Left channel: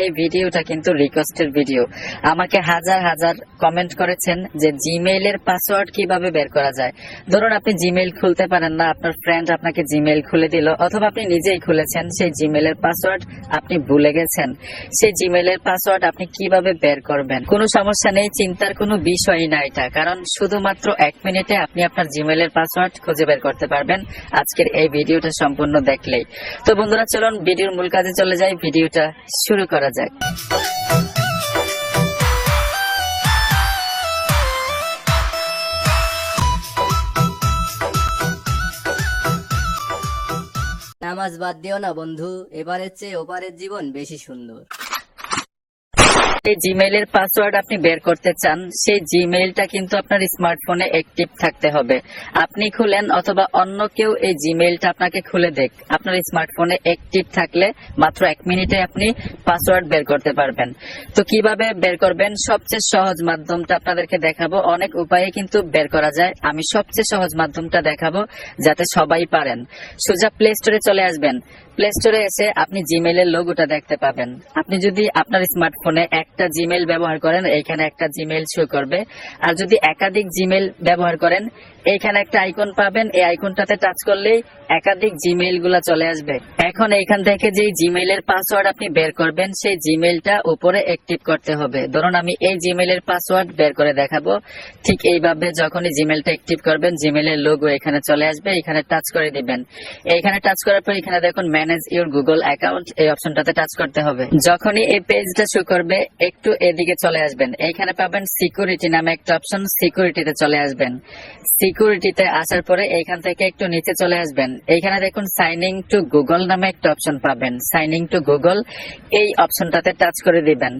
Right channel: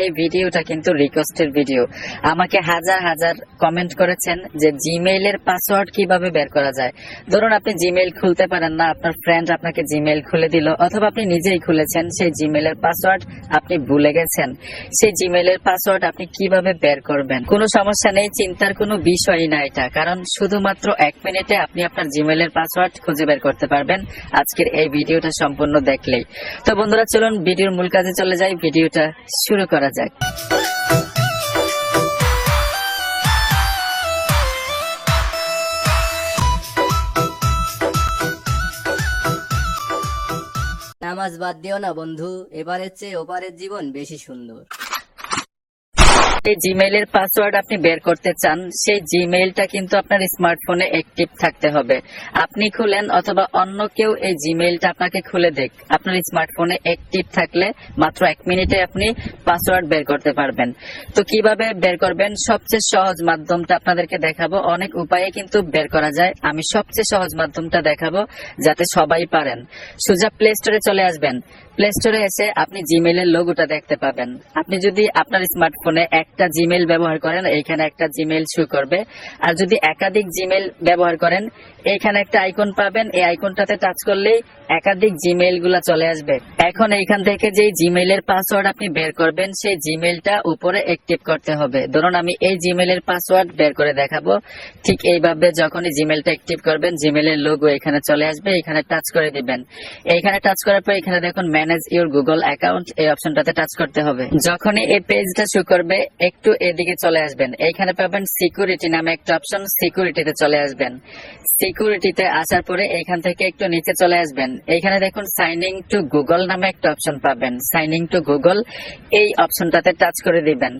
এই ভিডিওটা কিন্তু রিকোয়েস্টের ভিডিও আমাকে হাজার হাজার কমেন্ট করেছেন যে জিমেইলের পাসওয়ার্ড কীভাবে বের করা যায়। ধরুন আপনি জিমেইল খুলতে পারেন না, আপনার ফ্রেন্ড আপনাকে জিমেইল খুলে দিল, অথবা আপনি নিজেই খুলেছেন সেই জিমেইলের পাসওয়ার্ড আপনি ভুলে গেছেন। সেই জিমেইলের পাসওয়ার্ড আপনি কীভাবে বের করবেন? কোনো সমস্যা নেই, চিন্তার কোনো বিষয়ই না এটা, কারণ শুধুমাত্র এক মিনিটে আপনি আপনার জিমেইলের পাসওয়ার্ড খুঁজে বের করতে পারবেন আজকের এই ভিডিওটা সম্পূর্ণ দেখলেই। তো বন্ধুরা, চলুন ভিডিওর মূল কাজে চলে যাই, ভিডিওটা শুরু করা যাক। নামাজ বাদ দিও না বন্ধু এবারের চেয়ে ওপারের জীবন বেশি সুন্দর। এই জিমেইলের পাসওয়ার্ড আপনি বের করতে চান, সেই জিমেইলটা কিন্তু আপনার স্মার্টফোনে অ্যাক্টিভ থাকতে হবে। আপনি খুলেন অথবা অন্য কেউ এই জিমেইলটা আপনাকে খুলে দেখ, আপনার স্মার্টফোনে অ্যাক্টিভ থাকলে মাত্র এক মিনিটে আপনি পাসওয়ার্ড বের করতে পারবেন। তো কীভাবে বের করবেন? সবচেয়ে সহজ মাধ্যমটা আপনাদেরকে দেখাবো। অনেক উপায়ে কিন্তু বের করা যায়। আমি সবচেয়ে সহজ মাধ্যমটা দেখাবো যাতে সবাই পারেন। সোজা প্লে স্টোরে চলে আসবেন। প্লে স্টোরে এসে আপনি জিমেইলের লোগোটা দেখতে পাবেন। আপনি যদি আপনার স্মার্টফোনে একটা জিমেইল ব্যবহার করেন, এখানে একটা জিমেইল শো করবে। আর যদি একাধিক জিমেইল ব্যবহার করেন এইখানে একটা আইকন পাবেন। এই আইকনটাতে টাচ করলেই একাধিক জিমেইলগুলা চলে আসবে। এখন এইখান থেকে যে জিমেইলের পাসওয়ার্ড আপনি বের করবেন, সেই জিমেইলটা উপরে অ্যাক্টিভ করতে হবে। ধরুন আমি এই জিমেইলের পাসওয়ার্ড বের করে দেখাবো। ঠিক এইভাবে যখনই জিমেইলটা অ্যাক্টিভ করবেন জিমেইলের লোগো এখানে চলে আসবে। এখানে টাচ করে দিবেন। এইখানে টাচ করার পর এখানে দেখুন ম্যানেজ ইউর গুগল অ্যাকাউন্ট এই অপশনটাতে টাচ করতে হবে। যখনই এই পেজটা শো করবে, একটু এদিকে চলে আসবেন। এইখানে পাবেন সিকিউরিটি নামে একটা অপশন সিকিউরিটিতে চলে আসবেন। সিকিউরিটিতে আসার পরে এইখান থেকে একটু নিচে চলে আসবেন। এইখানে দেখুন সাইনিং টু গুগল নামে একটা অপশন পাবেন। সাইনিং টু গুগল এই অপশনটাতে টাচ করে দিবেন।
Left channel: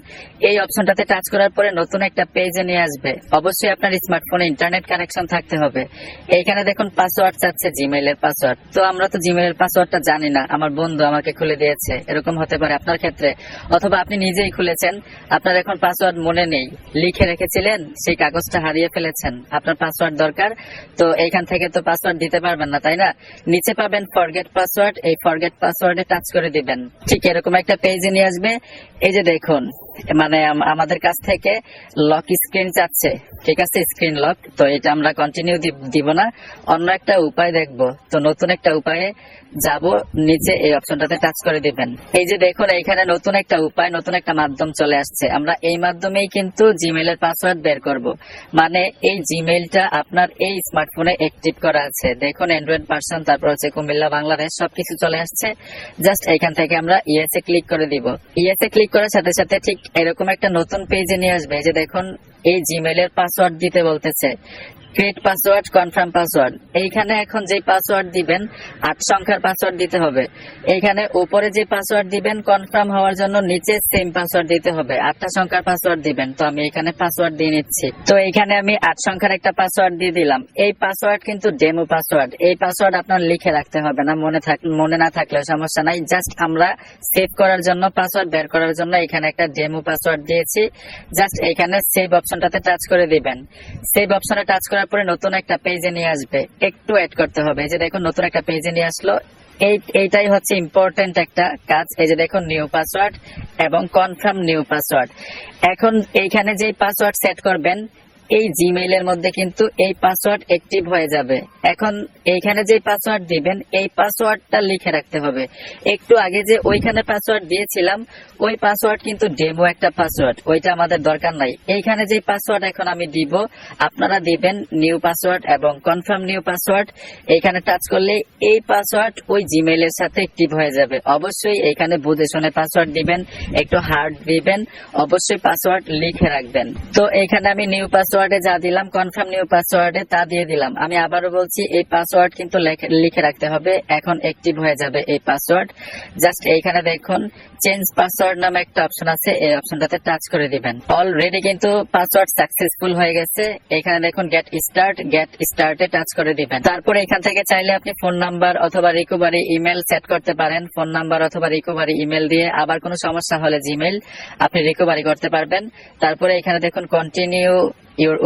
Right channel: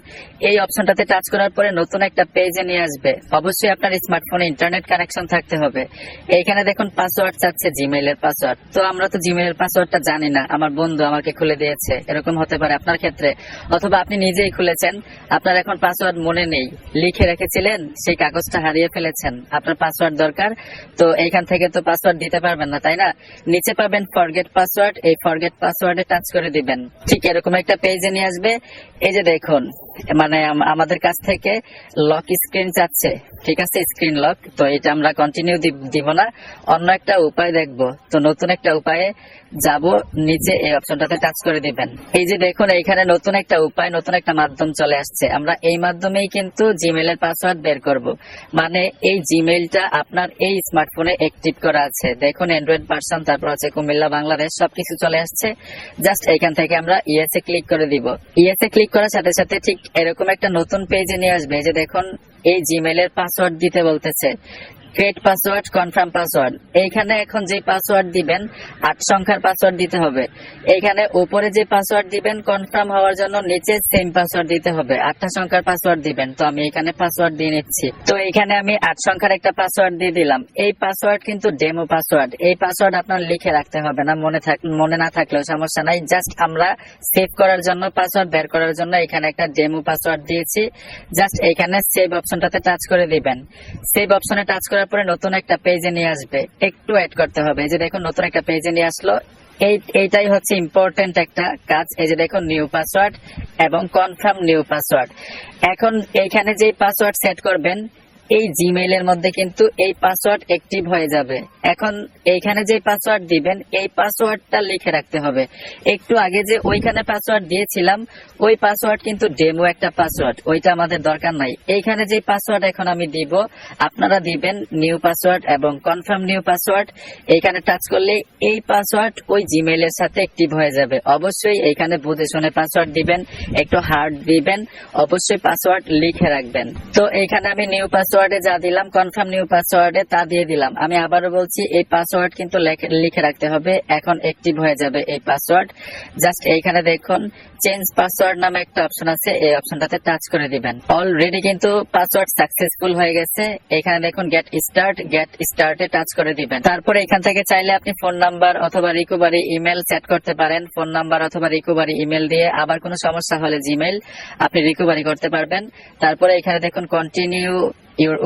এই অপশনটাতে টাচ করার পরে নতুন একটা পেজে নিয়ে আসবে। অবশ্যই আপনার স্মার্টফোনে ইন্টারনেট কানেকশন থাকতে হবে। এইখানে দেখুন পাসওয়ার্ড চাচ্ছে জিমেইলের পাসওয়ার্ড তো আমরা তো জিমেইলের পাসওয়ার্ডটা জানি না। আমার বন্ধু আমাকে খুলে দিয়েছে। এরকম হতে পারে আপনার ক্ষেত্রে। অথবা আপনি নিজেই খুলেছেন। আপনার এখন পাসওয়ার্ড মনে নেই। লিখে রেখেছিলেন, সেই কাগজটা হারিয়ে ফেলেছেন। আপনার পাসওয়ার্ড দরকার। তো এইখান থেকে তো পাসওয়ার্ড দিতে পারবেন না, তাই না? নিচে পাবেন ফরগেট পাসওয়ার্ড এই ফরগেট পাসওয়ার্ডে টাচ করে দিবেন। ঠিক এরকম একটা পেজে নিয়ে আসবে। এই যে দেখুন মানে আমাদের কাছ থেকে লক স্ক্রিন চাচ্ছে ঠিক আছে? স্ক্রিন লক তো এটা আমরা কন্টিনিউ দিব না। অন্য একটা উপায় দেখব। তো নতুন একটা উপায়ে যাব। নিচে এই অপশনটাতে টাচ করে দিবেন। এই যে দেখুন, এইখানে নতুন একটা উপায়, নতুন একটা মাধ্যম চলে আসছে। আমরা এই মাধ্যমেই কিন্তু জিমেইলের পাসওয়ার্ড বের করব। মানে এই জিমেইলটা আপনার এই স্মার্টফোনে অ্যাক্টিভ করা আছে। দেখুন অ্যান্ড্রয়েড ভার্সন তারপর হচ্ছে কুমিল্লা, বাংলাদেশ, সবকিছু চলে আসছে। জাস্ট এইখান থেকে আমরা ইয়েস ক্লিক করে দিব। ইয়েস ক্লিক করার সাথে সাথে ঠিক এরকম একটা নতুন পেজে নিয়ে আসবে যে দেখুন এই জিমেলের পাসওয়ার্ড দিতে বলতেছে। ক্রিয়েট পাসওয়ার্ড কনফার্ম পাসওয়ার্ড এইখানে এখন যে পাসওয়ার্ড দিবেন, আট সংখ্যার পাসওয়ার্ড দিতে হবে। এইখানে উপরে যে পাসওয়ার্ড দিবেন কনফার্ম হওয়ার জন্য নিচে সেম পাসওয়ার্ড দিতে হবে। আটটা সংখ্যার পাসওয়ার্ড দিবেন। তো আমি এখানে পাসওয়ার্ড দিয়ে নিচ্ছি। তো এখানে আমি আট সংখ্যার একটা পাসওয়ার্ড দিয়ে দিলাম। এই পাসওয়ার্ড কিন্তু ডেমো পাসওয়ার্ড এই পাসওয়ার্ড আপনার লিখে রাখতে হবে না, মনে থাক, মনে না থাকলেও সমস্যা নাই। জাস্ট আমরা সেভ করার জন্য পাসওয়ার্ড বের করার জন্য এখানে একটা ডেমো পাসওয়ার্ড দিয়েছি। জাস্ট এখানে সেভ অপশনটাতে টাচ করে দিবেন। সেভ অপশনে টাচ করার পরে নতুন একটা পেজে নিয়ে আসবে, একটু অ্যাড করতে হবে। এই যে দেখো নতুন একটা পেজে নিয়ে আসলো। এই, এইটাই হচ্ছে ইম্পর্টেন্ট একটা কাজ। এই যে দেখো নিউ পাসওয়ার্ড এবং কনফার্ম নিউ পাসওয়ার্ড এখন এইখানে যে পাসওয়ার্ড সেট করবেন এই জিমেইলের মধ্যে কিন্তু এই পাসওয়ার্ড অ্যাক্টিভ হয়ে যাবে। এখন এইখানে যে পাসওয়ার্ড দিবেন, এই পাসওয়ার্ডটা লিখে রাখতে হবে। একটু আগে যে ওইখানে পাসওয়ার্ড দিয়েছিলাম, ওই পাসওয়ার্ড কিন্তু ডেমো একটা পাসওয়ার্ড ওইটা আমাদের দরকার নাই। এইখানে যে পাসওয়ার্ড এখন আমি দিব, আপনারা দিবেন নিউ পাসওয়ার্ড এবং কনফার্ম নিউ পাসওয়ার্ড এইখানে টাচ করলে এই পাসওয়ার্ড ওই জিমেইলের সাথে অ্যাক্টিভ হয়ে যাবে। অবশ্যই এইখানে বুঝে শুনে পাসওয়ার্ড দিবেন, একটু হার্ড দিবেন, অবশ্যই পাসওয়ার্ড লিখে রাখবেন। তো এইখানে আমি নিউ পাসওয়ার্ডে যা দিলাম কনফার্ম নিউ পাসওয়ার্ডে তা দিয়ে দিলাম। আমি আবারও বলছি, এই পাসওয়ার্ড কিন্তু লিখে রাখতে হবে। এখন অ্যাক্টিভ হয়ে যাবে এই পাসওয়ার্ড জাস্ট এইখানে দেখুন চেঞ্জ পাসওয়ার্ড নামে একটা অপশন আছে, এই অপশনটাতে টাচ করে দিবেন। অলরেডি কিন্তু পাসওয়ার্ড সাকসেসফুল হয়ে গেছে। এখানে দেখুন গেট স্টার্ট গেট স্টার্টে টাচ করে দিবেন। তারপরে এখান থেকে চাইলে আপনি ফোন নাম্বার অথবা রিকোভারি ইমেল সেট করতে পারেন। ফোন নাম্বার অথবা রিকোভারি ইমেল দিয়ে আবার কোনো সমস্যা হলে জিমেল আপনি রিকোভারি করতে পারবেন। তারপরে এখানে দেখুন কন্টিনিউ ইউর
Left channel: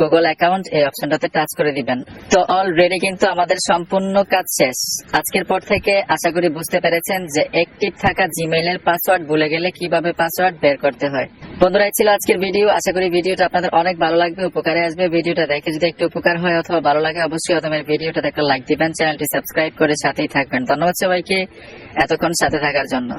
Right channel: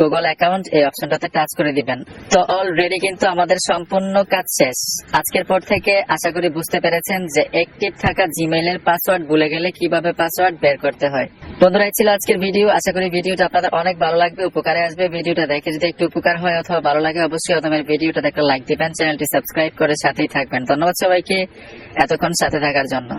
গুগল অ্যাকাউন্ট এই অপশনটাতে টাচ করে দিবেন। তো অলরেডি কিন্তু আমাদের সম্পূর্ণ কাজ শেষ। আজকের পর থেকে আশা করি বুঝতে পেরেছেন যে অ্যাক্টিভ থাকা জিমেইলের পাসওয়ার্ড ভুলে গেলে কীভাবে পাসওয়ার্ড বের করতে হয়। বন্ধুরা ছিল আজকের ভিডিও আশা করি ভিডিওটা আপনাদের অনেক ভালো লাগবে, উপকারে আসবে। ভিডিওটা দেখে যদি একটু উপকার হয় অথবা ভালো লাগে, অবশ্যই আপনাদের ভিডিওটা দেখে লাইক দিবেন। চ্যানেলটি সাবস্ক্রাইব করে সাথেই থাকবেন। ধন্যবাদ সবাইকে এতক্ষণ সাথে থাকার জন্য।